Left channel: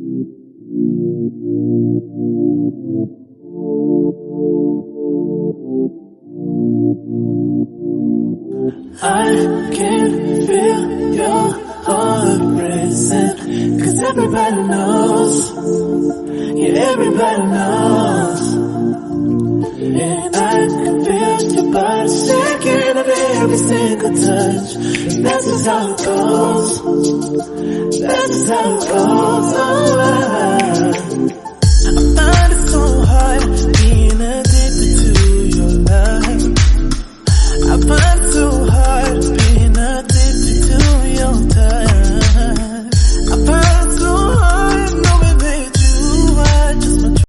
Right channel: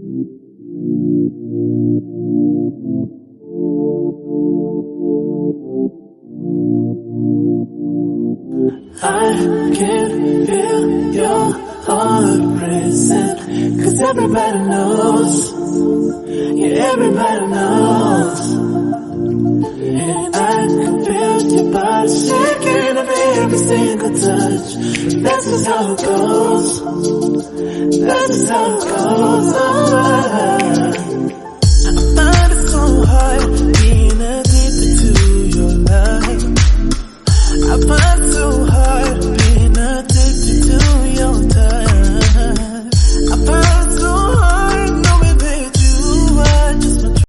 I can feel your heart racing, 'cause everybody knows, yeah, everybody knows. And I can feel your body shaking of every single touch. That's just how it goes. That's just how it goes. Oh.